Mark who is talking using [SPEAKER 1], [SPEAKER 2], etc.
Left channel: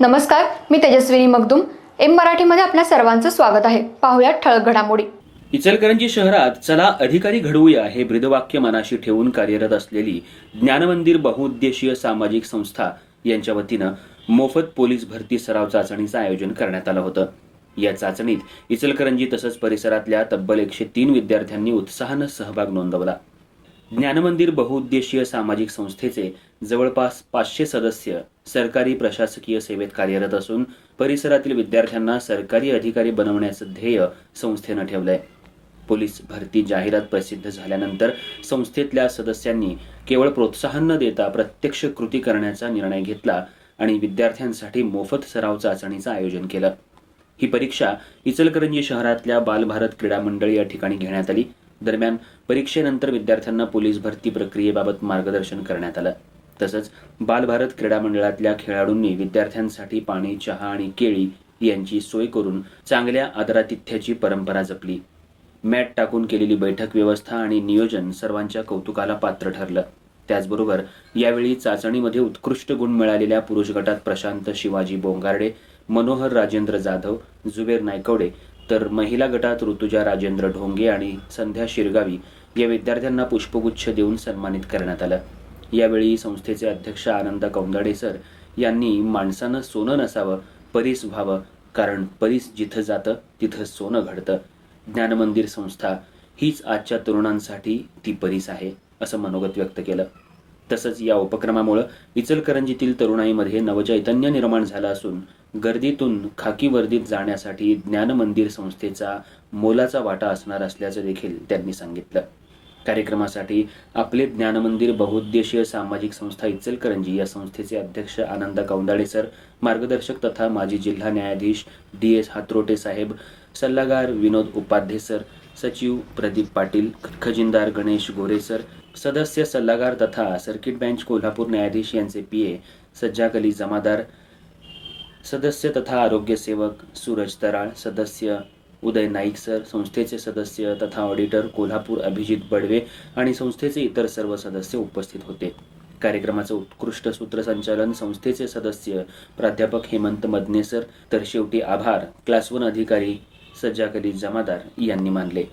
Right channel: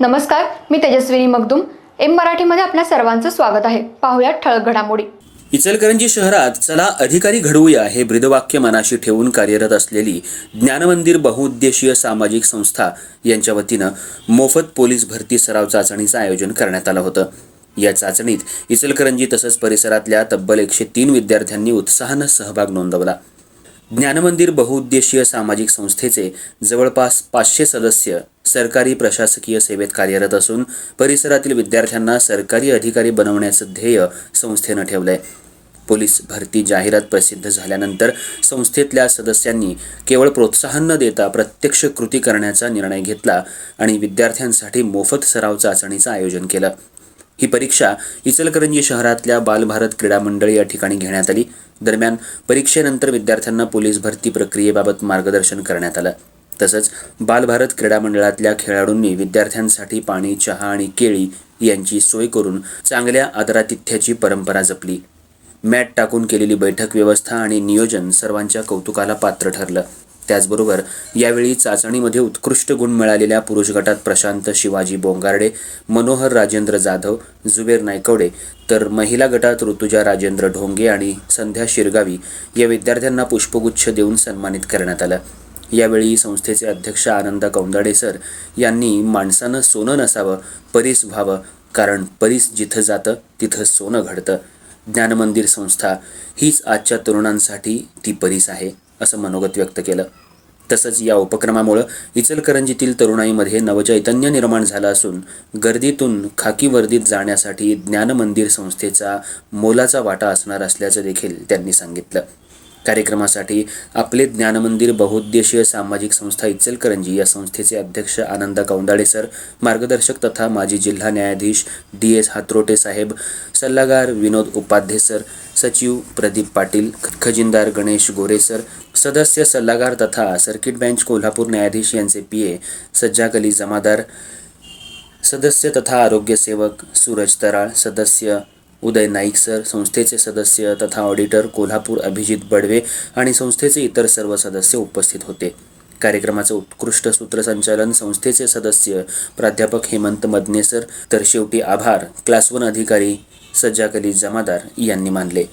[SPEAKER 1] नमस्कार मी तेजस्विनी मगदुम. एम मराठीमध्ये आपल्या सर्वांचं स्वागत आहे. पाहुयात ठळक घडामोडी.
[SPEAKER 2] इचलकरंजी शहरात चला अधिकारी घडवूया हे ब्रीदवाक्य मनाशी ठेवून कार्यरत असलेली ज्ञानमंदिर बहुउद्देशीय सामाजिक संस्था यांच्या वतीनं मोफत पोलीस भरती सराव चाचणीचं आयोजन करण्यात आलं होतं. या चाचणीत इचलकरंजी तसंच परिसरातल्या तब्बल एकशे तीन विद्यार्थ्यांनी उत्साहानं सहभाग नोंदवला. ज्ञानमंदिर बहुउद्देशीय सामाजिक संस्थेचे जवळपास पाचशे सदस्य सरकारी प्रशासकीय सेवेत कार्यरत असून परिसरातील विद्यार्थ्यांना सरकारी अधिकारी बनवण्याचं ध्येय संस्थेनं ठेवलंय. पोलीस भरती जाहिरात प्रसिद्ध झाल्यानंतर संस्थेतल्या सदस्यांनी केवळ प्रोत्साहन न देता प्रत्यक्ष कृती करण्याचा निर्णय घेतला आणि विद्यार्थ्यांसाठी मोफत सराव चाचणीचं आयोजन केलं. ही परीक्षा इचलकरंजी शहरातल्या बालभारत क्रीडा मंडळ या ठिकाणी घेण्यात आली. दरम्यान परीक्षेनंतर विद्यार्थ्यांना पोलीस भरती प्रक्रियेबाबत मार्गदर्शन करण्यात आलं. तसंच बालभारत क्रीडा मंडळातल्या खेळाडूंनी विद्यार्थ्यांसाठी पाणी चहा आणि केळी यांची सोय करून चांगल्या आदरातिथ्याची परंपरा जपली. मॅट टाकून केलेली बैठक व्यवस्था आणि नियोजन सर्वांच्या कौतुकाला पात्र ठरलं. त्याचबरोबर यावेळी चाचणीमध्ये उत्कृष्ट गुण मिळालेल्या पुरुष गटात प्रशांत शिवाजी बोंगारडे मनोहर राजेंद्र जाधव जुबेर नायकवडे तर महिला गटात ऋतुजा राजेंद्र ढोंगे आणि संध्या शिरगावी या विद्यार्थ्यांना पुष्पगुच्छ देऊन सन्मानित करण्यात आलं. यावेळी संस्थेचे अध्यक्ष आनंद कौंदाडे सर यांनी माणसानं सोनं नसावं परीस व्हावं कारण परीस जिथं जातं तिथं सोनं घडतं. ज्ञानमंदिर संस्था हीच आजच्या तरुणांसाठी ती परीस आहे असं मनोगत व्यक्त केलं. तसंच या उपक्रमामुळं इचलकरंजीतील तरुणाईमध्ये नवचैतन्य निर्माण झालं असून गर्दीतून खाकी वर्दीत जाण्यासाठी ज्ञानमंदिर संस्थेचा मोलाचा वाटा असणार असल्याचं देखील त्यांनी सांगितलं. कार्यक्रमासाठी आपले ज्ञानमंदिर बहुउद्देशीय सामाजिक संस्था इचलकरंजी या संस्थेचे अध्यक्ष आनंद कौंदाळे सर मार्गदर्शक तथा माजी जिल्हा न्यायाधीश डी एस हात्रोटे साहेब सल्लागार विनोद उपाध्ये सर सचिव प्रदीप पाटील खजिनदार गणेश गोरे सर सदस्य सल्लागार तथा सर्किट बेंच कोल्हापूर न्यायाधीश यांचे पी ए सज्जाक अली जमादार सदस्य तथा आरोग्य सेवक सूरज तराळ सदस्य उदय नाईक सर संस्थेचे सदस्य तथा ऑडिटर कोल्हापूर अभिजित बडवे आणि संस्थेचे इतर सर्व सदस्य उपस्थित होते. कार्यक्रमाचं उत्कृष्ट सूत्रसंचालन संस्थेचे सदस्य प्राध्यापक हेमंत मदनेसर तर शेवटी आभार. क्लास वन अधिकारी सज्जाकली जमादार यांनी मानले.